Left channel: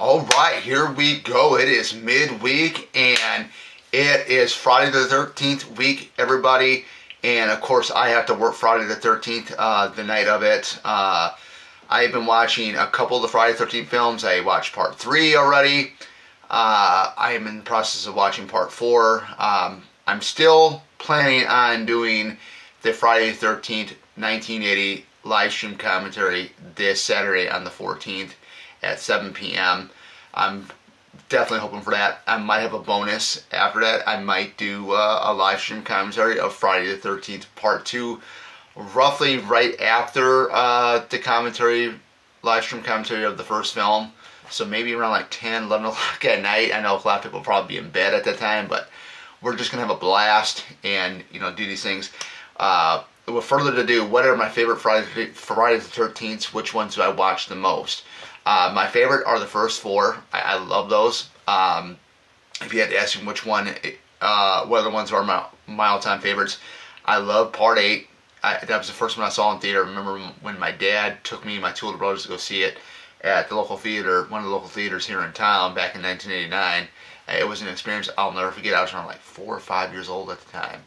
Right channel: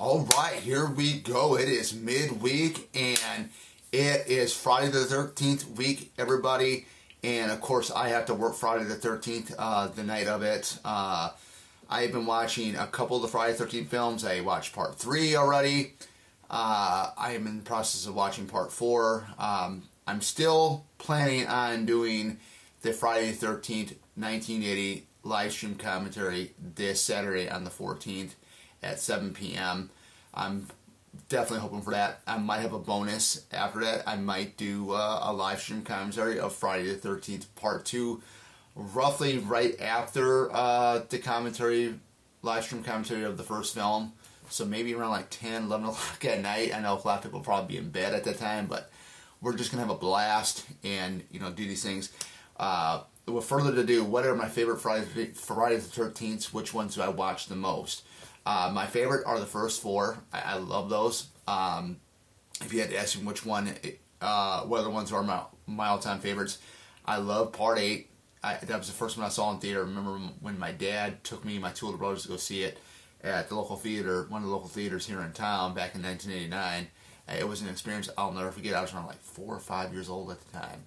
All right, here we go. It is midweek, and it is Friday the 13th week, everybody. And of course, I have to work Friday the 13th, the night of it. I've been watching a couple of the Friday the 13th films. I watched part 3 already. I am in the process of watching part 4. I'm still planning on doing the Friday the 13th, 1980 live stream commentary this Saturday on the 14th at 7 p.m. I'm definitely hoping for that. I might have a bonus after that. I might do a live stream commentary of Friday the 13th part 2, roughly right after the live stream commentary of the first film. So maybe around like 10, 11 o'clock at night. I know a lot of people will probably be in bed at that time, but we're just going to have a blast and, you know, do these things. With further ado, what are my favorite Friday the 13th? Which ones do I watch the most? My favorite are the first 4. I love those. If you had to ask me which one, what other ones are my all-time favorites, I love part 8. That was the first one I saw in theater. I remember when my dad took me and my two older brothers to go see it at the local theater, one of the local theaters here in town back in 1989. It was an experience I'll never forget. I was around like 4 or 5 years old at the time.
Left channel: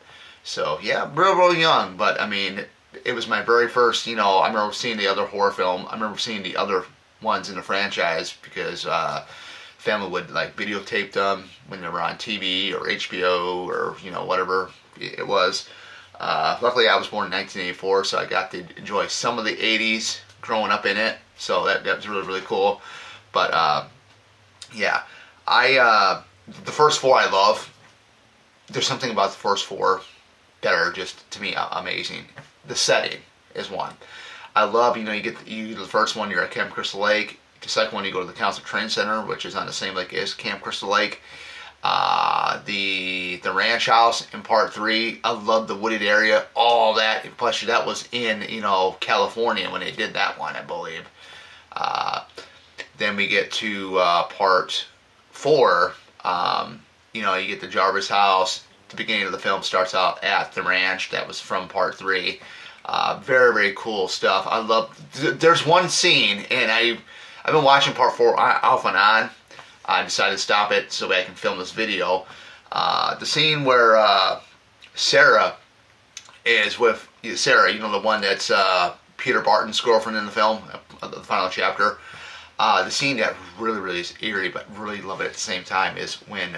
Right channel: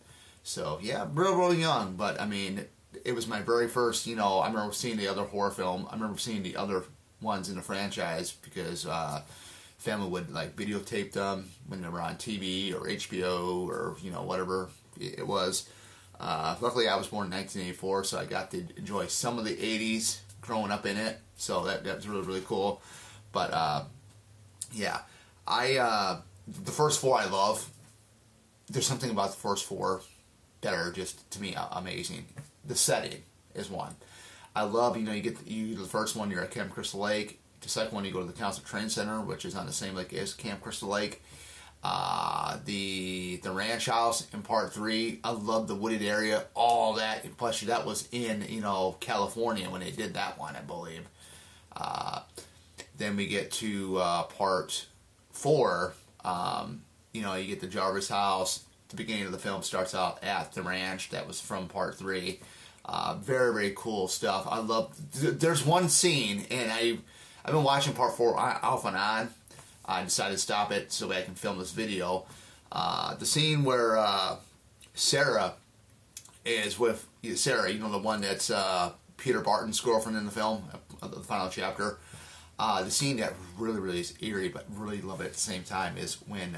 So yeah, real young, but I mean, it was my very first, you know, I remember seeing the other horror film. I remember seeing the other ones in the franchise because family would like videotape them when they were on TV or HBO or, you know, whatever it was. Luckily I was born in 1984, so I got to enjoy some of the 80s growing up in it, so that was really cool. But yeah, the first 4 I love. There's something about the first 4 that are just, to me, amazing. The setting is one. I love, you know, you do the first one, you're at Camp Crystal Lake. The second one, you go to the Council Train Center, which is on the same lake as Camp Crystal Lake. The ranch house in part 3, I love the wooded area, all that. Plus, that was in, you know, California when they did that one, I believe. Then we get to part 4. You know, you get the Jarvis house. The beginning of the film starts out at the ranch. That was from part 3. Very cool stuff. I love. There's one scene, and I've been watching part 4 off and on. I decided to stop it so that I can film this video. The scene where Sarah is with Sarah, you know, the one that's Peter Barton's girlfriend in the film, the final chapter. The scene that really is eerie, but really love it at the same time, is when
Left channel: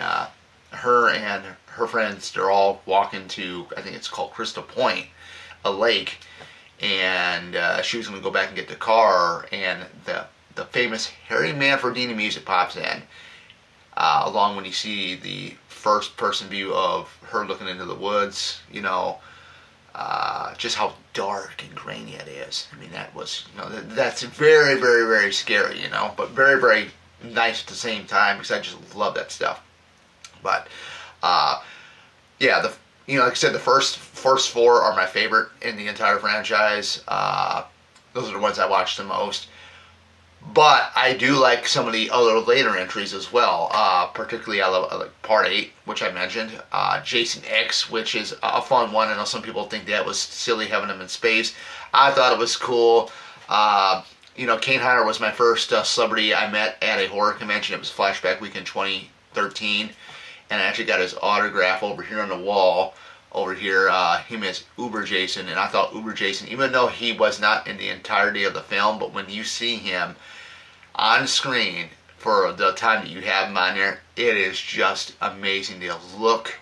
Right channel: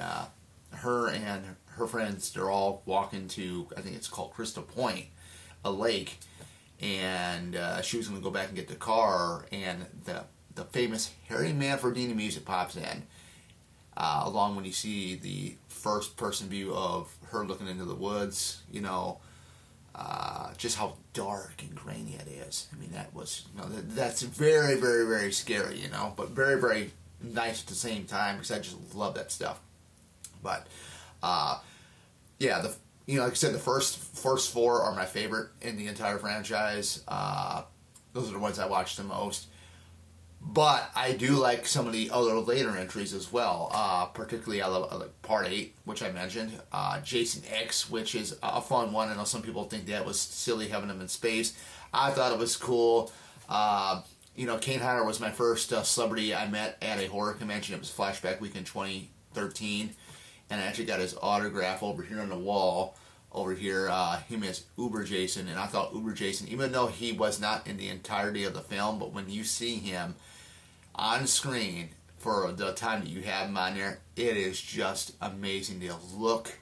her and her friends, they're all walking to, I think it's called Crystal Point, a lake, and she was going to go back and get the car, and the famous Harry Manfredini music pops in, along when you see the first person view of her looking into the woods, you know, just how dark and grainy it is. I mean, that was, you know, that's very scary, you know, but very nice at the same time, because I just love that stuff. But yeah, you know, like I said, the first 4 are my favorite in the entire franchise. Those are the ones I watch the most. But I do like some of the other later entries as well. Particularly, I like part 8, which I mentioned. Jason X, which is a fun one. I know some people think that was silly having him in space. I thought it was cool. You know, Kane Hodder was my first celebrity I met at a horror convention. It was Flashback Week in 2013. And I actually got his autograph over here on the wall. Over here, him as Uber Jason. And I thought Uber Jason, even though he was not in the entirety of the film, but when you see him on screen for the time that you have him on there, it is just amazing. The look,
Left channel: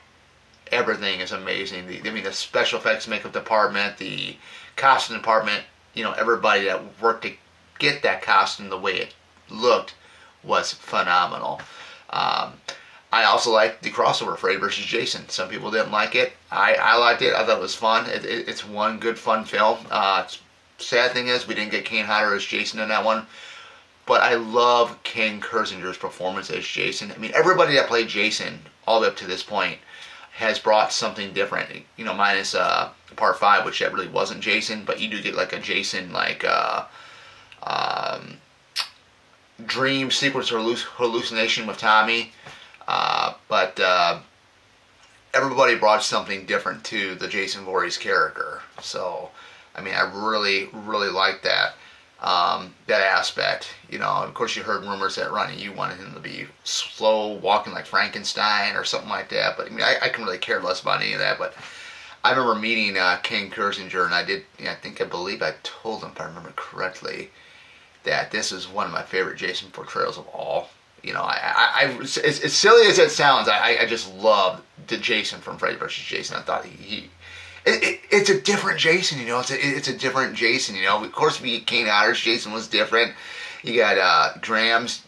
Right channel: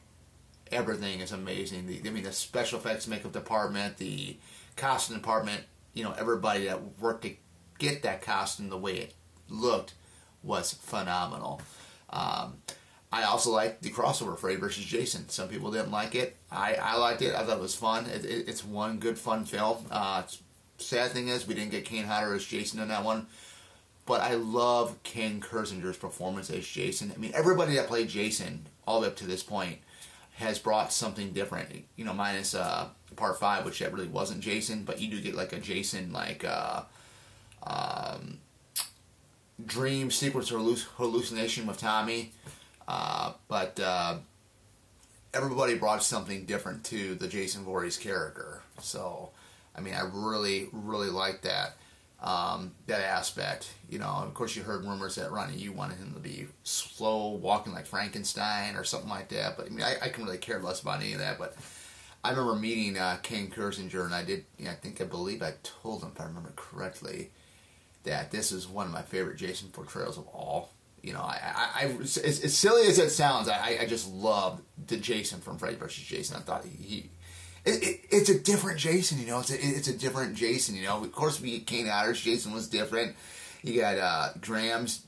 everything is amazing. I mean, the special effects makeup department, the costume department, you know, everybody that worked to get that costume the way it looked was phenomenal. I also liked the crossover Freddy vs. Jason. Some people didn't like it. I liked it. I thought it was fun. It's one good fun film. Sad thing is we didn't get Kane Hodder as Jason in that one. But I love Ken Kirzinger's performance as Jason. I mean, everybody that played Jason all the way up to this point has brought something different. You know, minus part 5, which that really wasn't Jason, but you do get like a Jason, like dream sequence or hallucination with Tommy. But everybody brought something different to the Jason Voorhees character. So, I mean, I really like that. that aspect. You know, of course, you heard rumors that Ronnie Yu wanted him to be slow walking like Frankenstein or something like that. But I mean, I can really care less about any of that. But I remember meeting Ken Kirzinger, and I believe I told him, if I remember correctly, that this is one of my favorite Jason portrayals of all. You know, as silly as it sounds, I just love the Jason from Freddy vs. Jason. I thought it's a different Jason, you know. It's a different Jason, you know. Of course, we get Kane Hodder's Jason was different. You got Graham's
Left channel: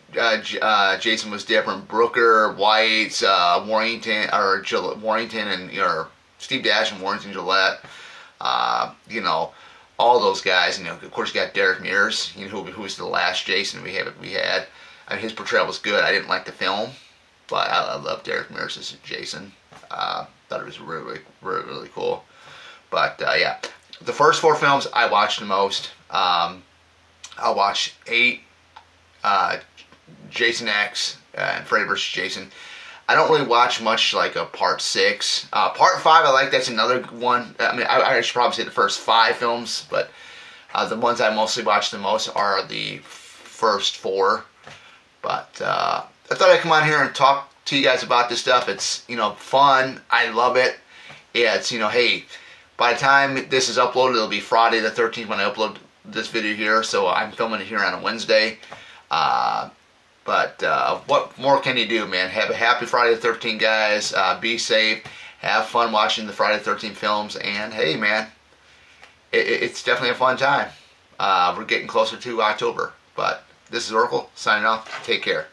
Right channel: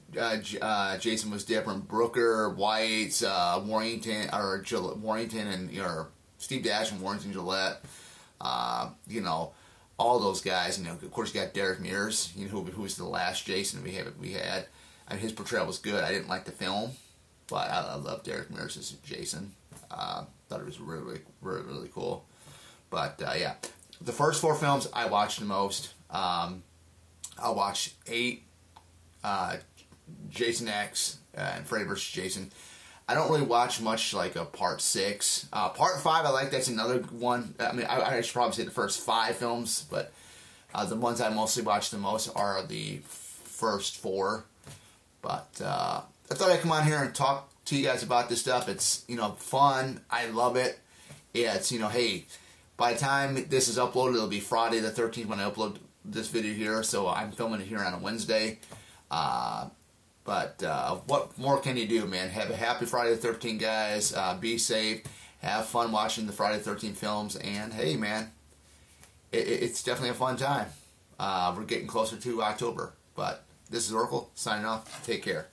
Jason was different. Brooker, White's, Warrington, and Steve Dash and Warrington Gillette. You know, all those guys. You know, of course, you got Derek Mears, you know, who was the last Jason we had. I mean, his portrayal was good. I didn't like the film, but I love Derek Mears as Jason. Thought it was really, really, really cool. But yeah, the first 4 films I watched the most. I watched 8, Jason X and Freddy vs. Jason. I don't really watch much like a part 6. Part 5 I like. That's another one. I mean, I should probably say the first 5 films, but the ones I mostly watch the most are the first 4. But I thought I'd come on here and talk to you guys about this stuff. It's, you know, fun. I love it. Yeah, it's, you know, hey, by the time this is uploaded, it'll be Friday the 13th when I upload this video here. So I'm filming it here on a Wednesday. But what more can you do, man? Have a happy Friday the 13th, guys. Be safe. Have fun watching the Friday the 13th films. And, hey, man, it's definitely a fun time. We're getting closer to October. But this is Oracle signing off. Take care.